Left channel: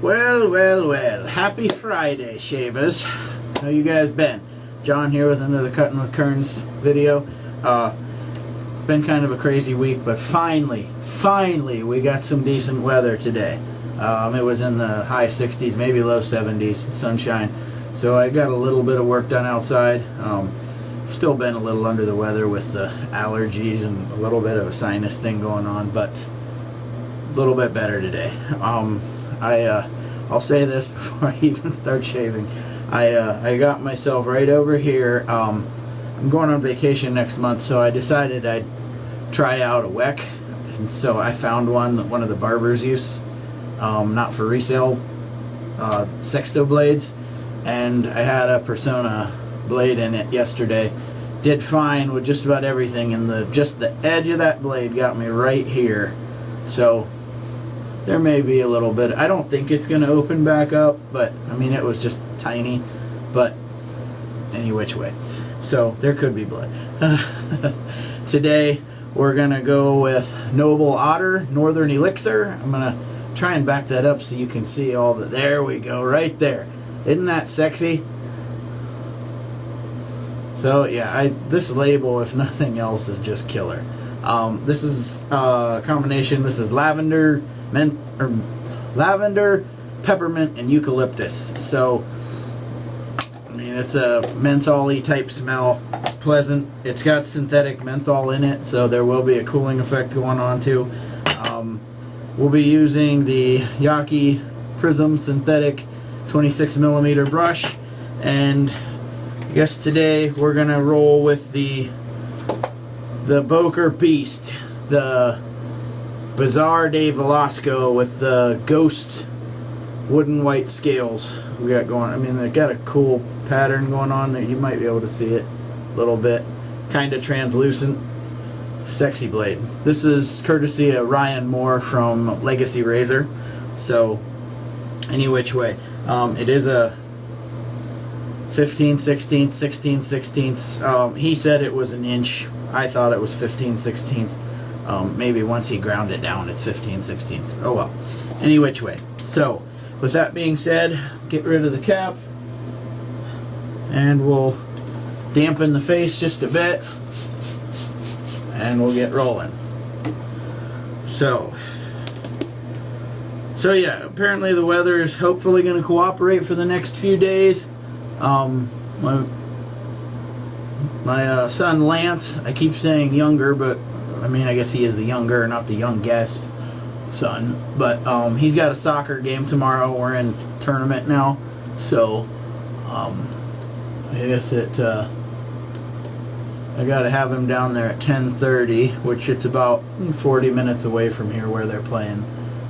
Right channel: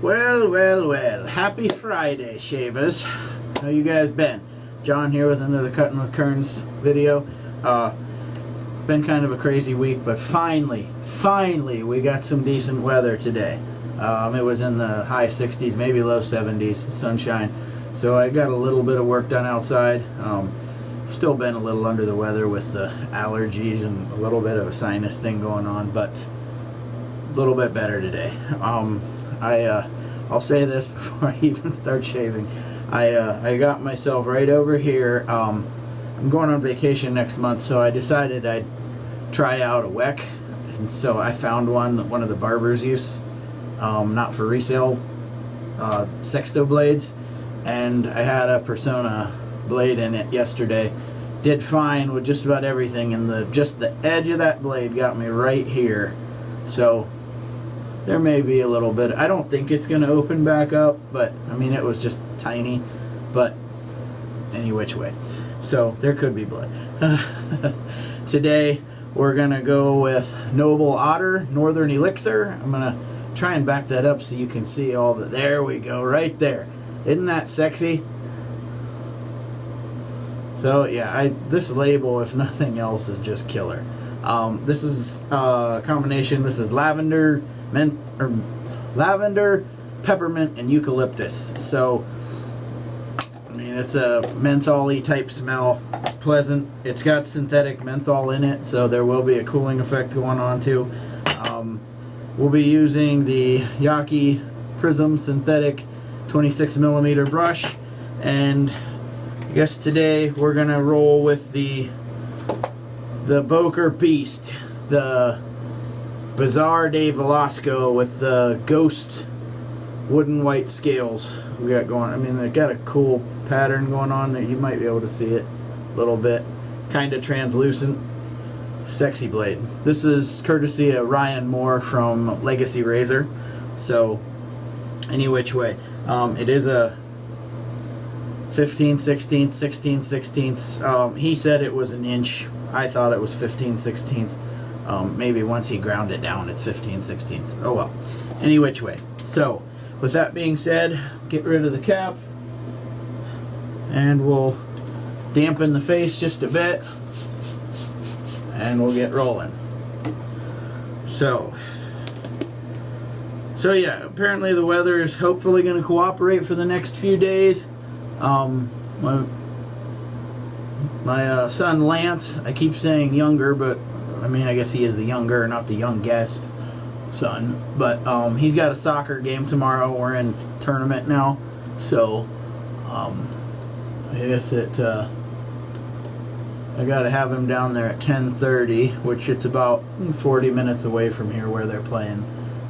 Well, well, well. Happy Friday, shavers. How you guys been? John here with another Cutting with Kerns video. Been kind of a crazy week, but finally, we got some decent weather today. It was in the high 60s, maybe low 70s, sunshine. So I got a little bit of work done outside. Still been a little under the weather with the allergies and a little bit of a sinus thing going on, but a little bit better today. I'll say this before I even start shaving. I got myself right over here. I'm going on vacation next month, so I decided I'd try out a WEC. And so I found one of the barbers use, not for resale, sexto blades, and I had a Persona blade in it yesterday. Did fine with just about everything, and just the edge of that blade got me right here. So there may be a little bit. I don't think it's going to open back up, but I mean, it was just tiny, but any which way. So there could be blood. Today we're going to go with Noble Otter Northern Elixir. I'm going to try and back that up so you can see all the, there we go, right there. Isn't that sexy? So yeah, this label, if nothing else, is just killer. This is a combination. This is lavender, peppermint, and eucalyptus. So I mean, it's a menthol-y type smell. It's pleasant. It's got synthetic menthol in it, so there will be a cooling effect going on too. We'll be using the Yaki Prism synthetic 26mm brush, and I guess today we're gonna roll with the Boker Beast, the Bizarre de Velasco with the ghost wooden white scales we got going. I mean, they got a cool pattern going on there. You might be able to see it a little bit. Kind of translucent. Sexy blade. This is courtesy of Ryan Moore from Legacy Razor. So, any which way. It is a 15/16, 16/16. He said it was an inch. I thought it was 15/16. Maybe once he ground it down, it's 15/16. Oh well. Any which way. So, with that being said, get rid of the cap, and we'll dampen the face just a bit, and we'll get rolling. So yeah, apparently the weather is hopefully going to cooperate for the next few days. My son Lance, I keep saying younger, but I mean, I guess he is the younger, not the youngest son. But he's got a soccer game tomorrow. We're in tournament now, so I guess I gotta have him down there at 10:30, which it's about 40 minutes away from here where they're playing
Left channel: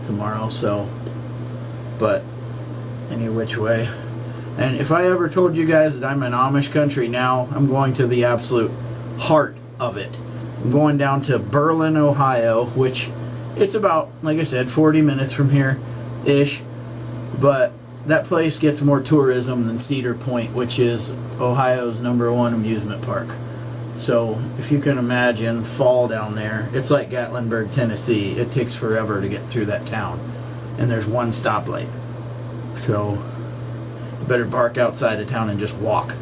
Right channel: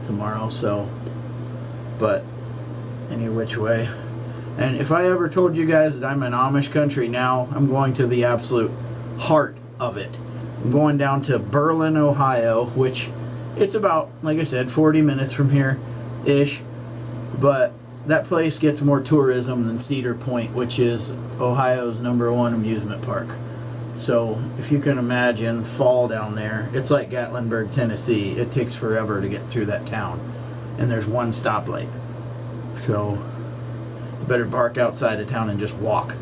tomorrow. So, but any which way. And if I ever told you guys that I'm in Amish country now, I'm going to the absolute heart of it. I'm going down to Berlin, Ohio, which it's about, like I said, 40 minutes from here-ish. But that place gets more tourism than Cedar Point, which is Ohio's #1 amusement park. So if you can imagine fall down there, it's like Gatlinburg, Tennessee. It takes forever to get through that town. And there's one stoplight. So you better park outside of town and just walk.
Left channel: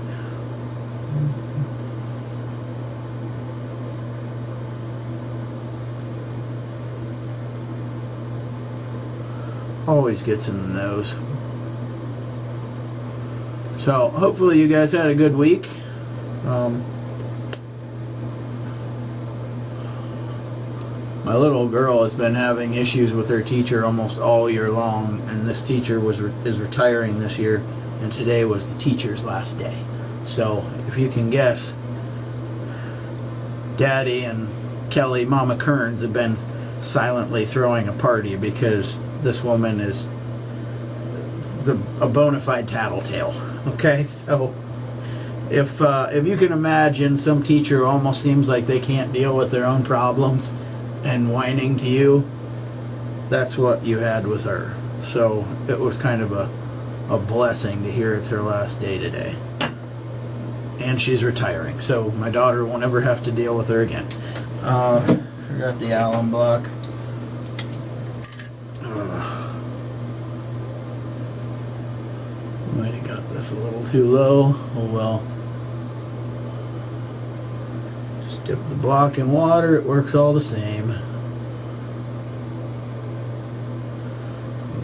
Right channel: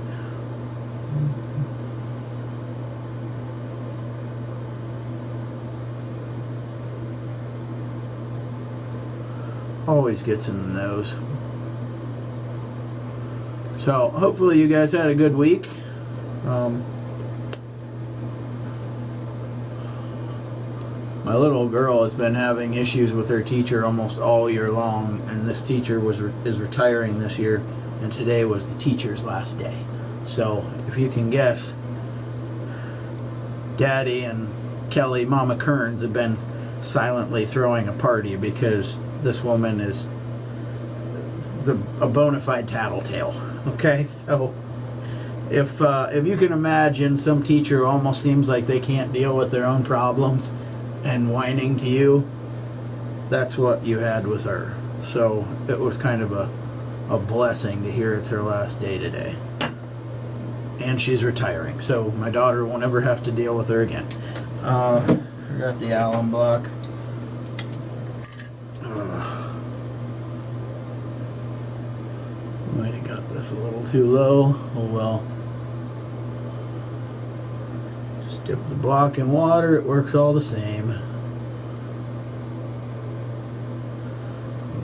Always gets in the nose. So hopefully you guys had a good week. My little girl has been having issues with her teacher almost all year long, and this teacher is retiring this year, and today was the teacher's last day. So if you can guess, Daddy and Kelly, Mama Kearns, have been silently throwing a party because this woman is a bona fide tattletale. Okay, so if you can imagine some teacher who almost seems like they can't deal with their own problems and whining to you, that's what you had with her. So it was kind of a blessing to hear it's her last day today. And she's retiring, so my daughter won't ever have to deal with her again. Forgot the alum block. Might have got this a little too low. Oh well. Just dip the block in water, it works all the same.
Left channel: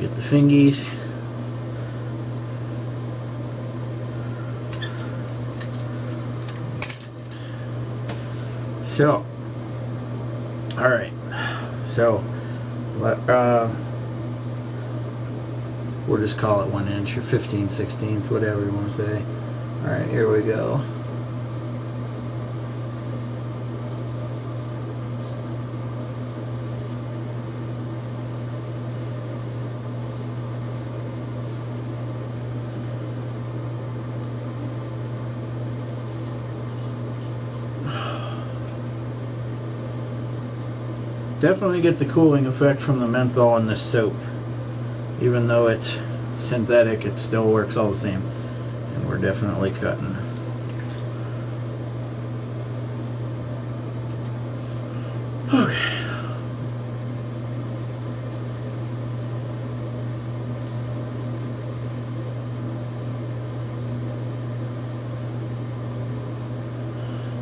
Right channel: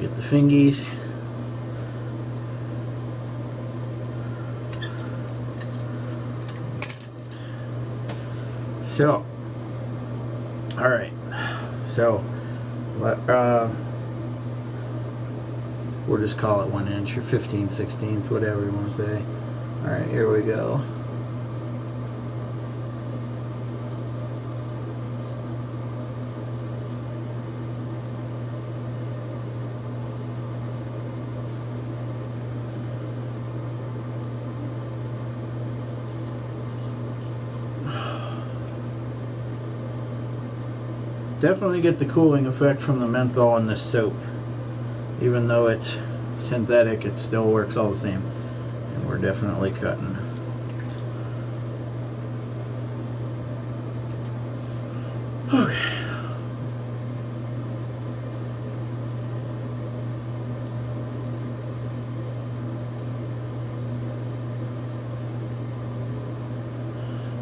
Get the fingies. So, alright. So, we'll just call it 1 inch or 15/16, whatever you want to say. Alright, here we go. Definitely get the cooling effect from the menthol in this soap. Even though it's synthetic, it still works all the same. And we're definitely cutting. Okay.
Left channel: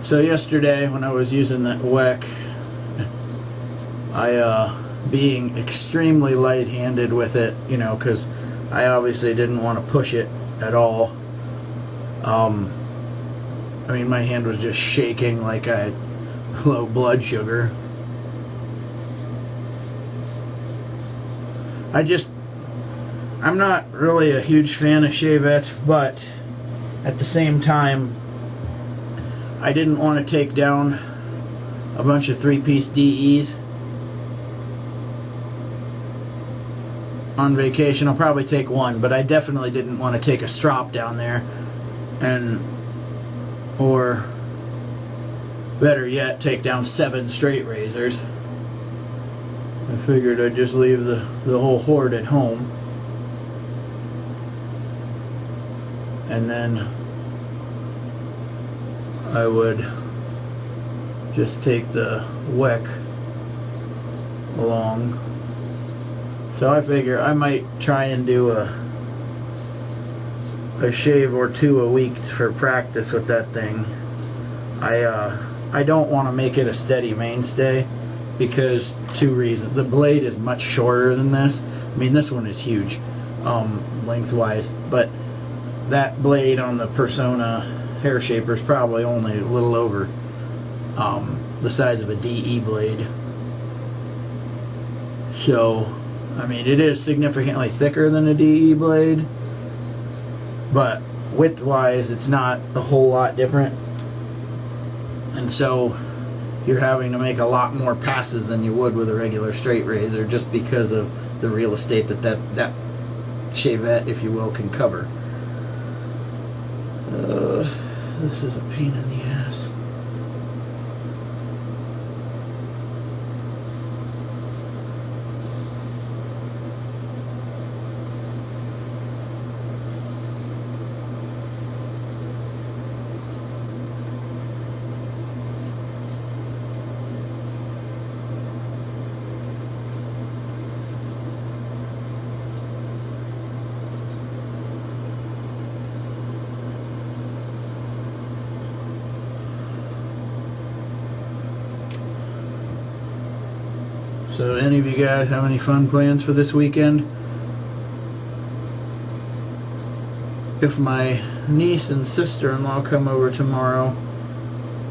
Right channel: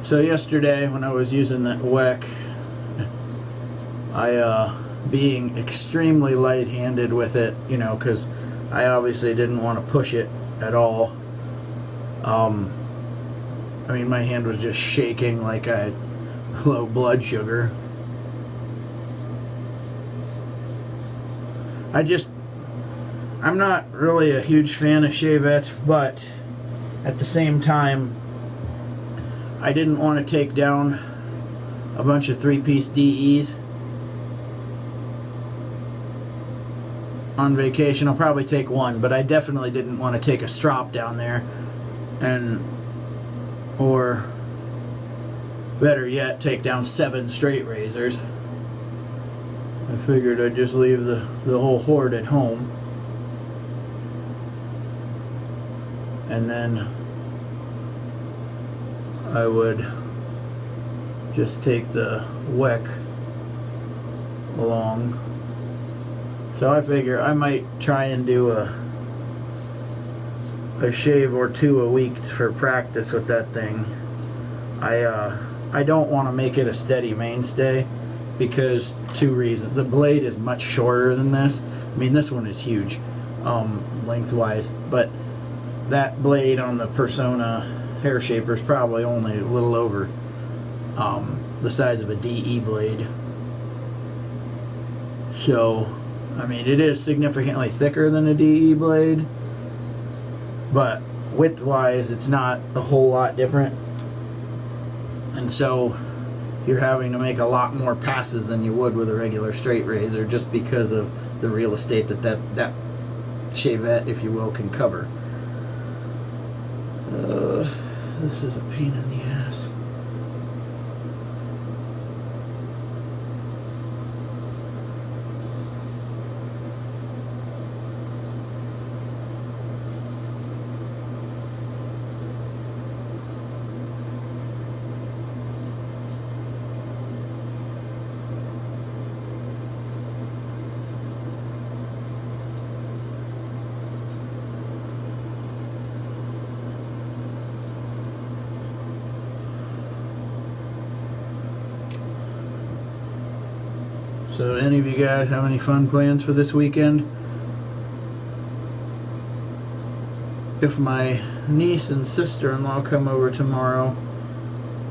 So yesterday when I was using that WEC, being extremely light-handed with it, you know, because I obviously didn't want to push it at all. I mean, my hand was just shaking like I had low blood sugar. I'm not really a huge fan of Chevettes, but at the same time, I didn't want to take down a bunch of 3-piece DEs on vacation. I'll probably take one, but I definitely didn't want to take a strop down there, or better yet, take down 7 straight razors. I figured I'd just leave the whole horde at home, and then I would just take the WEC along. So I figure I might try and do a shave or 2 a week for practice with that thing. I don't want to make it a steady mainstay because 2 reasons. The blade is much shorter than this. I mean, this one is huge lengthwise, but that blade on the Persona hair shaper is probably only a little over the size of a DE blade. So, I mean, it is significantly thicker than a DE blade, but width-wise, it's not a whole lot different. And so, you're having to make a lot more passes than you would with a regular straight razor, just because of the real estate that Chevette, if you will, can cover. This is a pain in the ass. So any of you guys have any fun plans for this weekend? If my niece and sister-in-law come over tomorrow,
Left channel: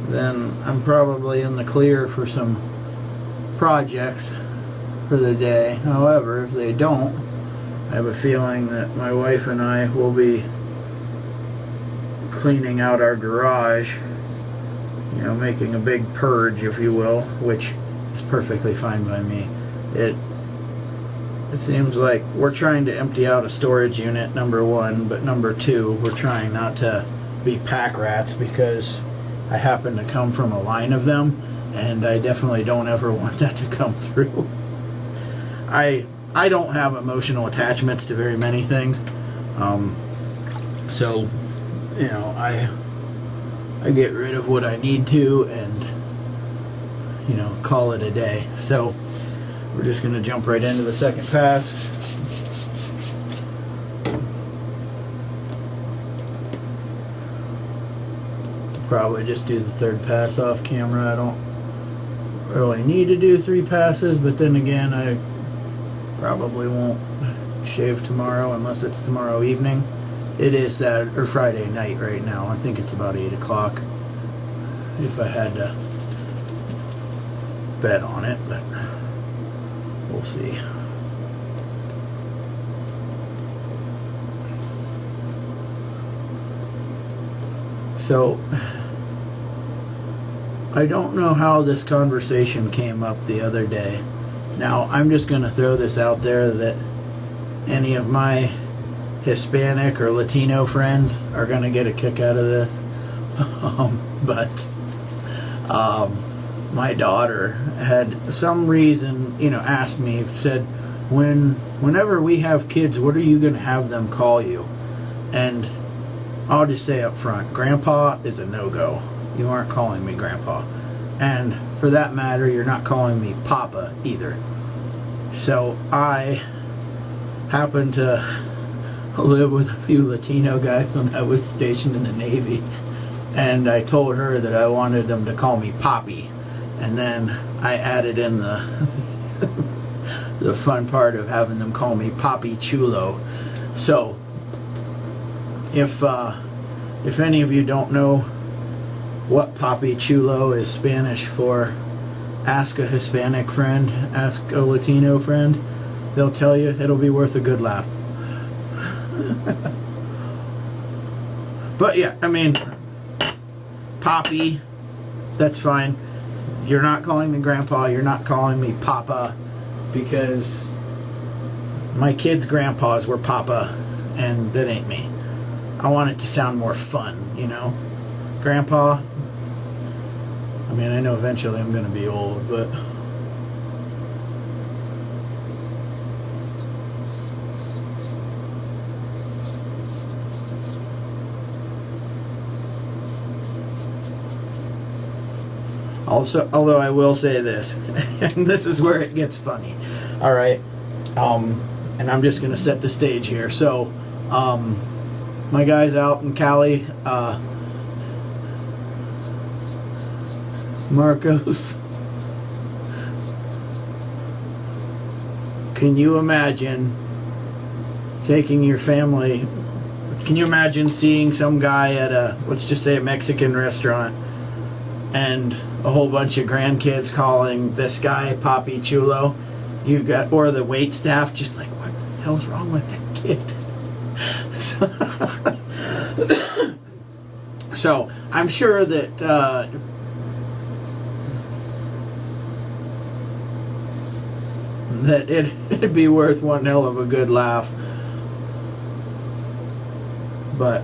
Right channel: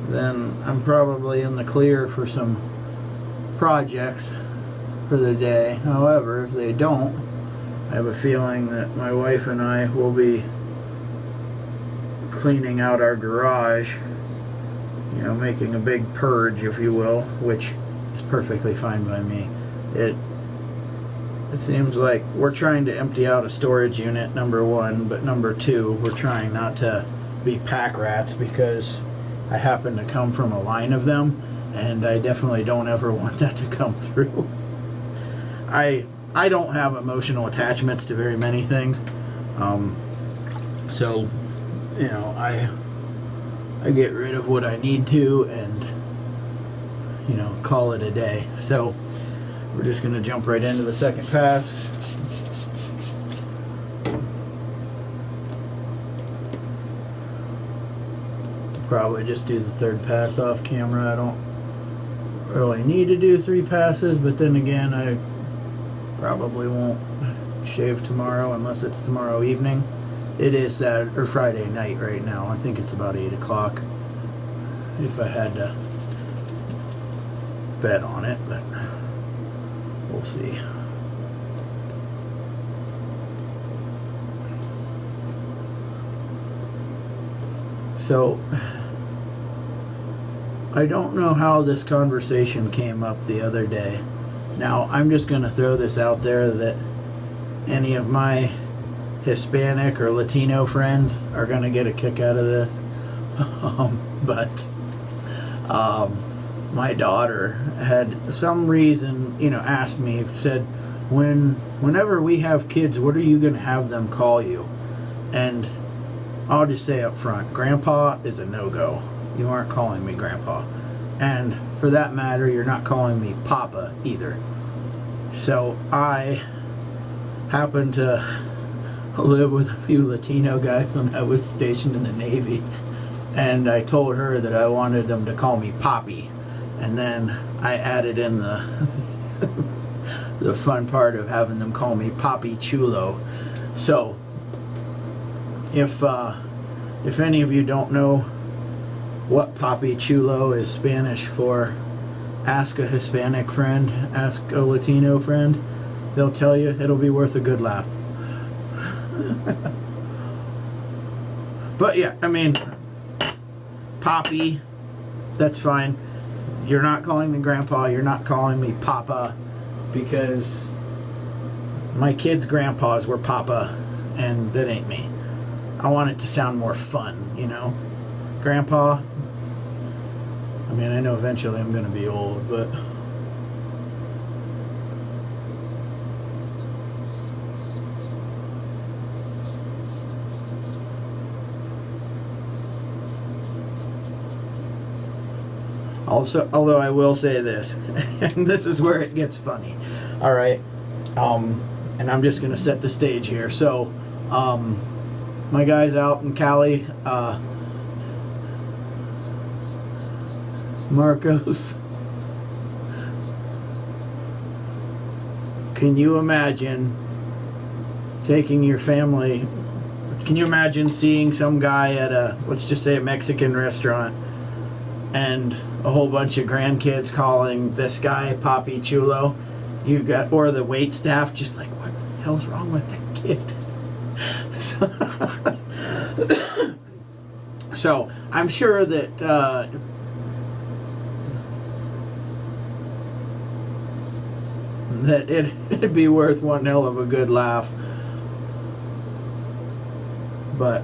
then I'm probably in the clear for some projects for the day. However, if they don't, I have a feeling that my wife and I will be cleaning out our garage, you know, making a big purge, if you will, which is perfectly fine by me. It seems like we're trying to empty out a storage unit, number 1, but number 2, we're trying not to be pack rats because I happen to come from a line of them, and I definitely don't ever want that to come through. I don't have emotional attachments to very many things, so, you know, I get rid of what I need to and, you know, call it a day. So we're just going to jump right into the second pass. probably just do the third pass off camera. I don't really need to do 3 passes, but then again, I probably won't shave tomorrow unless it's tomorrow evening. It is Saturday or Friday night right now. I think it's about 8 o'clock if I had to bet on it, but we'll see. So I don't know how this conversation came up the other day. Now, I'm just going to throw this out there that any of my Hispanic or Latino friends are going to get a kick out of this. But my daughter had some reason, asked me, said, whenever we have kids, what are you going to have them call you? And I'll just say up front, Grandpa is a no-go. You aren't calling me Grandpa. And for that matter, you're not calling me Papa either. So I happen to live with a few Latino guys when I was stationed in the Navy. And I told her that I wanted them to call me Poppy. And then I added in the the fun part of having them call me Papi Chulo. So if any of you don't know what Papi Chulo is Spanish for, ask a Hispanic friend, ask a Latino friend. They'll tell you. It'll be worth a good laugh. But yeah, I mean, Poppy, that's fine. You're not calling me Grandpa, you're not calling me Papa, because my kids' grandpas were Papa, and that ain't me. I want it to sound more fun, Grandpa, I mean, I know eventually I'm going to be old, but also, although I will say this, and this is where it gets funny, alright, and I'm just going to set the stage here. So, my guys out in Cali, Marcos, can you imagine taking your family, can you imagine seeing some guy at a, let's just say a Mexican restaurant, and a whole bunch of grandkids calling this guy Papi Chulo? You got, or the wait staff just like, what the hell's wrong with that kid? So I'm sure that that it'd be worth one hell of a good laugh. But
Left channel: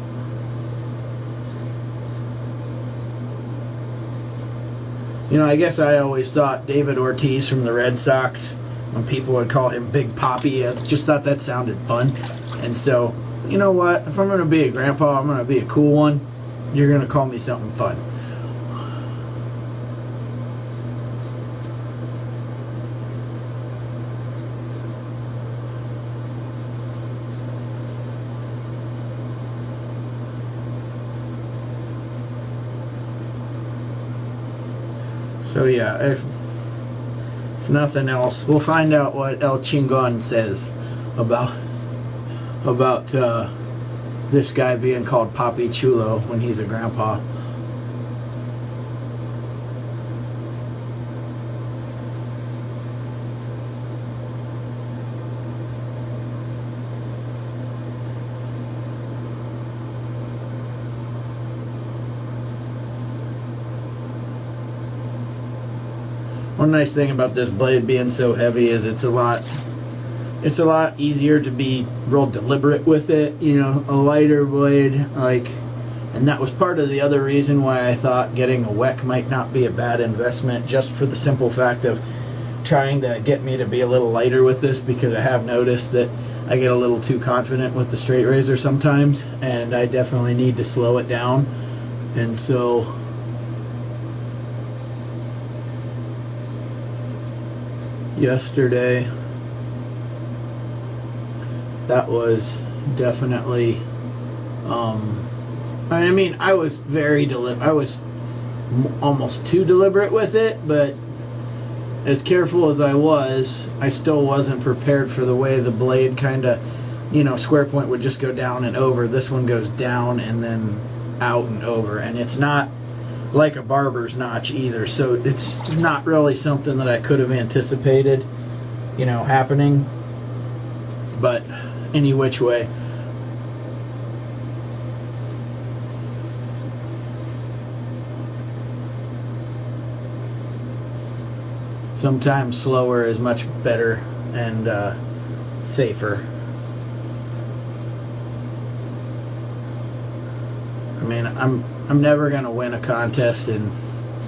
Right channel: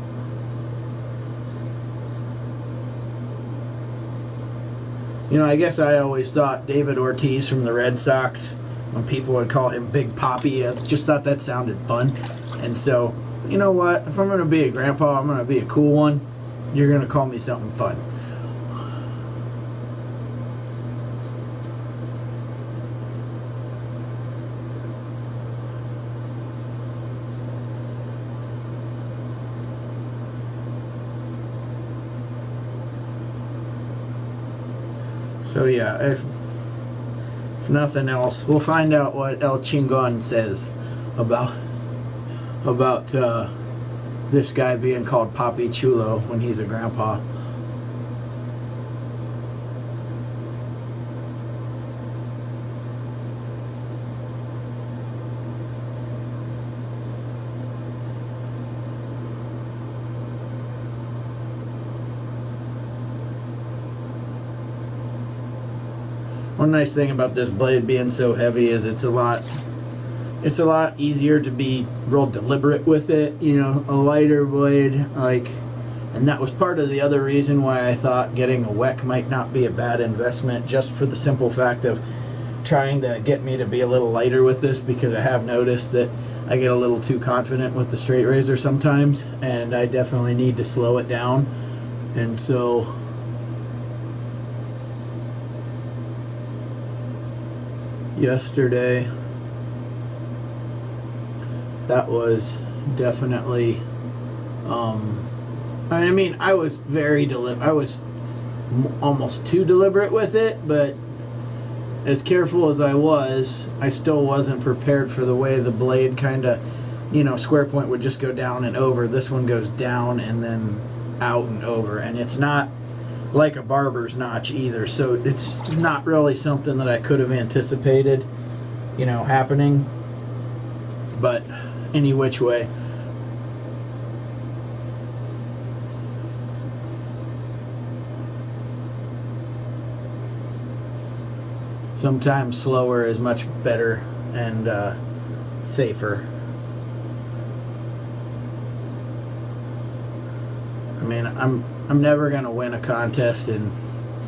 I guess I always thought David Ortiz from the Red Sox, when people would call him Big Poppy, I just thought that sounded fun. And so, you know what? If I'm going to be a grandpa, I'm going to be a cool one. You're going to call me something fun. So yeah, if nothing else, we'll find out what El Chingon says about this guy being called Papi Chulo when he's a grandpa. One nice thing about this blade being so heavy is it's a lot easier to be real deliberate with it, a lighter blade, and that was part of the other reason why I thought getting a WEC might not be a bad investment, just for the simple fact of trying to get me to be a little lighter with this, because I have noticed that I get a little too confident with the straight razor sometimes, and I definitely need to slow it down. And so yesterday, that was definitely I mean, I was I was almost too deliberate with it, but as careful as I still wasn't prepared for the way the blade kind of, square point would just go down and over. This one goes down and then out and over, and it's not like a barber's notch either, so it's not really something that I could have anticipated, happening. But any which way, sometimes slower is much better and safer. I mean, I'm never gonna win a contest in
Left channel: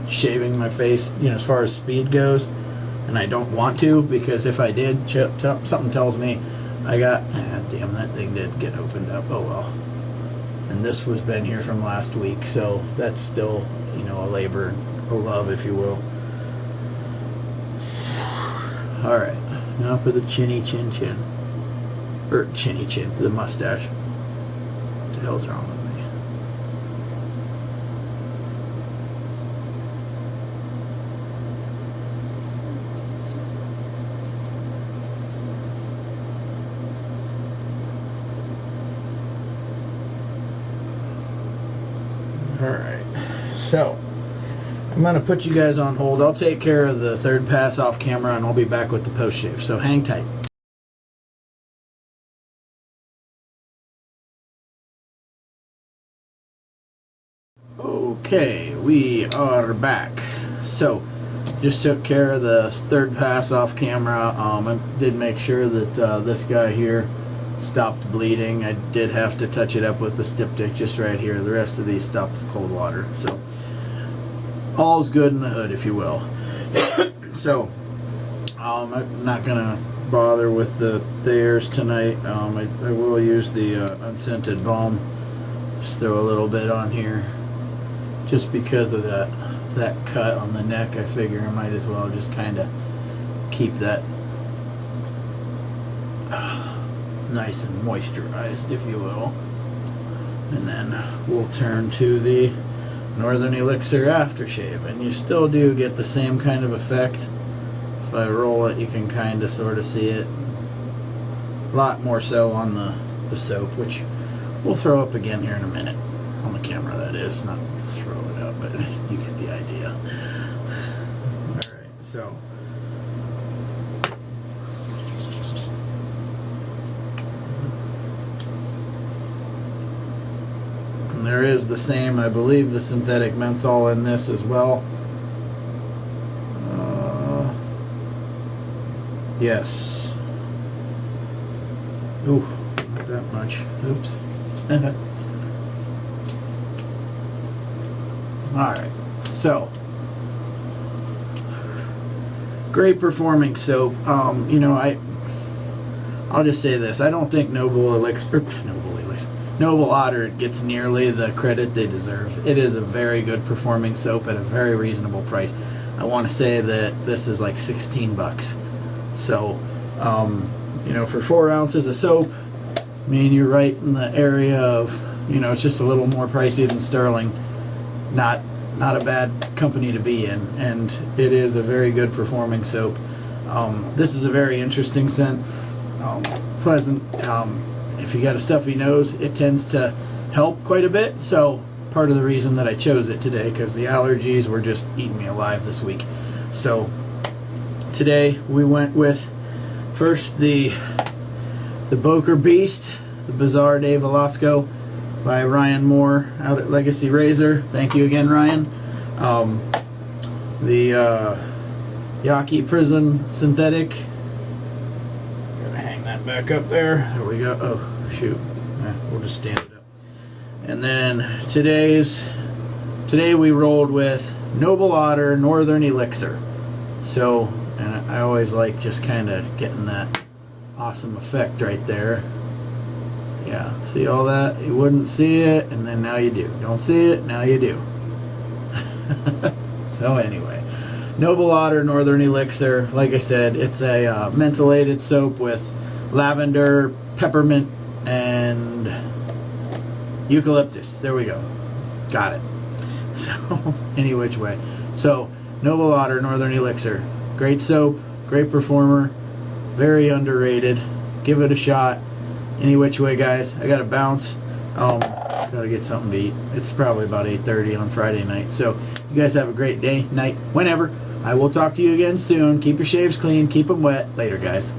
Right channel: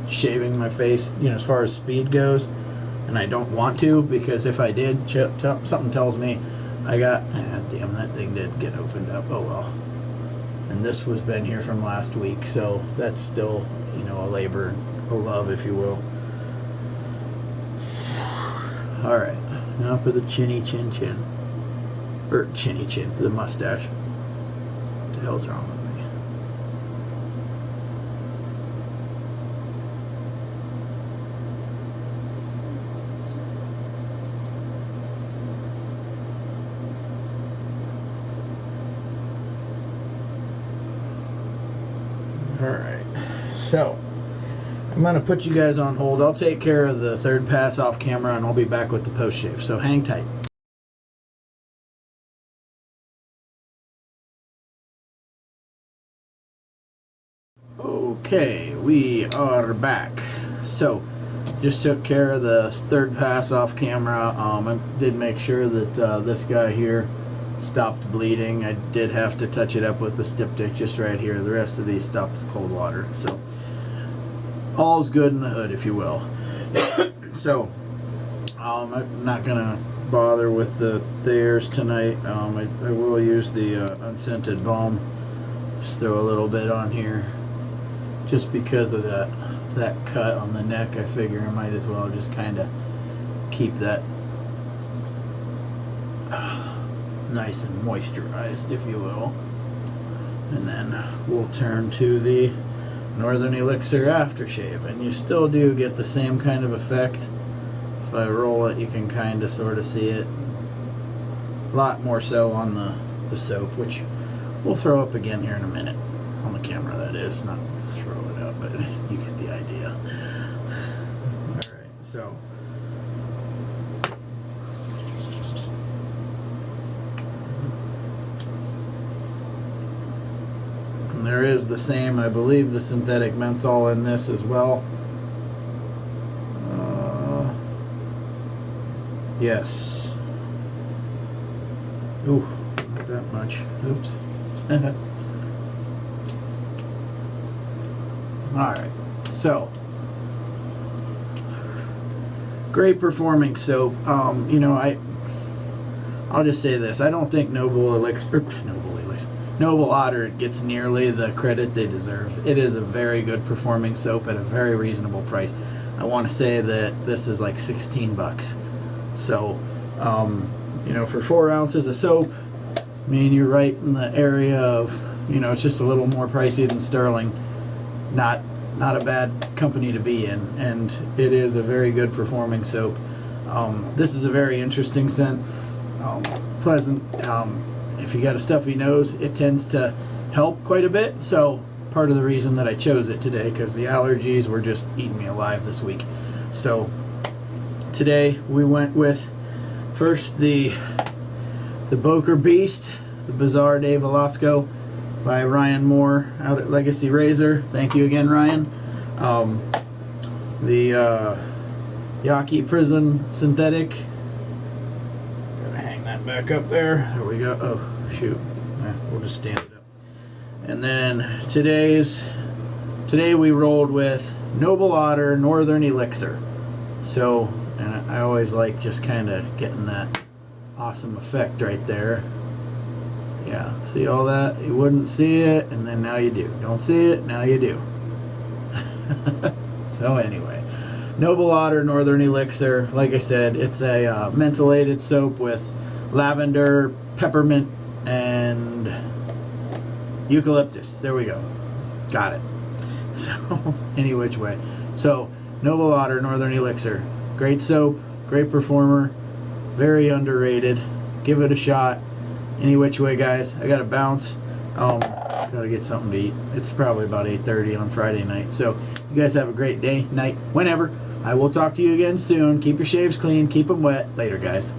shaving my face, as far as speed goes, and I don't want to, because if I did, something tells me damn, that thing did get opened up. Oh well. And this was been here from last week, so that's still, a labor of love, if you will. Alright, now for the chinny chin chin. Or chinny chin, the mustache. What the hell's wrong with me? Alright, so I'm going to put you guys on hold. I'll take care of the third pass off camera and I'll be back with the post shave, so hang tight. Okay, we are back. So, just took care of the third pass off camera. I did make sure that this guy here stopped bleeding. I did have to touch it up with the styptic just right here. The rest of these stopped with cold water. So all's good in the hood, if you will. So I'm not gonna bother with the thayers tonight. I will use the unscented balm. Just throw a little bit on here, just because of that cut on the neck. I figure I might as well just kind of keep that nice and moisturized, if you will. And then we'll turn to the Northern Elixir aftershave, and you still do get the same kind of effect. If I roll it, you can kind of sort of see it. A lot more so on the soap, which we'll throw up again here in a minute. On the camera, that is. Not throw it up, but you get the idea. Alright, so there is the same, I believe, the synthetic menthol in this as well. Yes. Ooh, not that much. Oops. Alright, so great performing soap. I'll just say this. I don't think Noble Otter gets nearly the credit they deserve. It is a very good performing soap at a very reasonable price. I want to say that this is like 16 bucks. So, for 4 ounces of soap, I mean, you're right in the area of, it's just a little more pricey than Sterling. Not a bad company to be in, and it is a very good performing soap. This is a very interesting scent. Pleasant. If you got a stuffy nose, it tends to help quite a bit, so part of the reason that I chose it today, because the allergies were just eating me alive this week. So today we went with first the Boker Beast, the Bizarre de Velasco by Ryan Moore out at Legacy Razor. Thank you again, Ryan. The Yaki Prison Synthetic. Gotta hang that back up there. There we go. Oh, shoot. We'll just stand it up. And then today we rolled with Noble Otter Northern Elixir. So, and I always like just kind of getting that awesome effect right there. Yeah, see all that? You wouldn't see it, and then now you do. Don't see it, now you do. So anyway, Noble Otter Northern Elixir. Like I said, it's a mentholated soap with lavender, peppermint, and Eucalyptus. There we go. Got it. So, any which way. So, Noble Otter Northern Elixir. Great soap. Great performer. Very underrated. Give it a shot. Any which way, guys. I got to bounce. Gotta get something to eat. It's probably about 8:30 on Friday night. So, you guys have a great day, night, whenever. I will talk to you again soon. Keep your shaves clean. Keep them wet. Later, guys.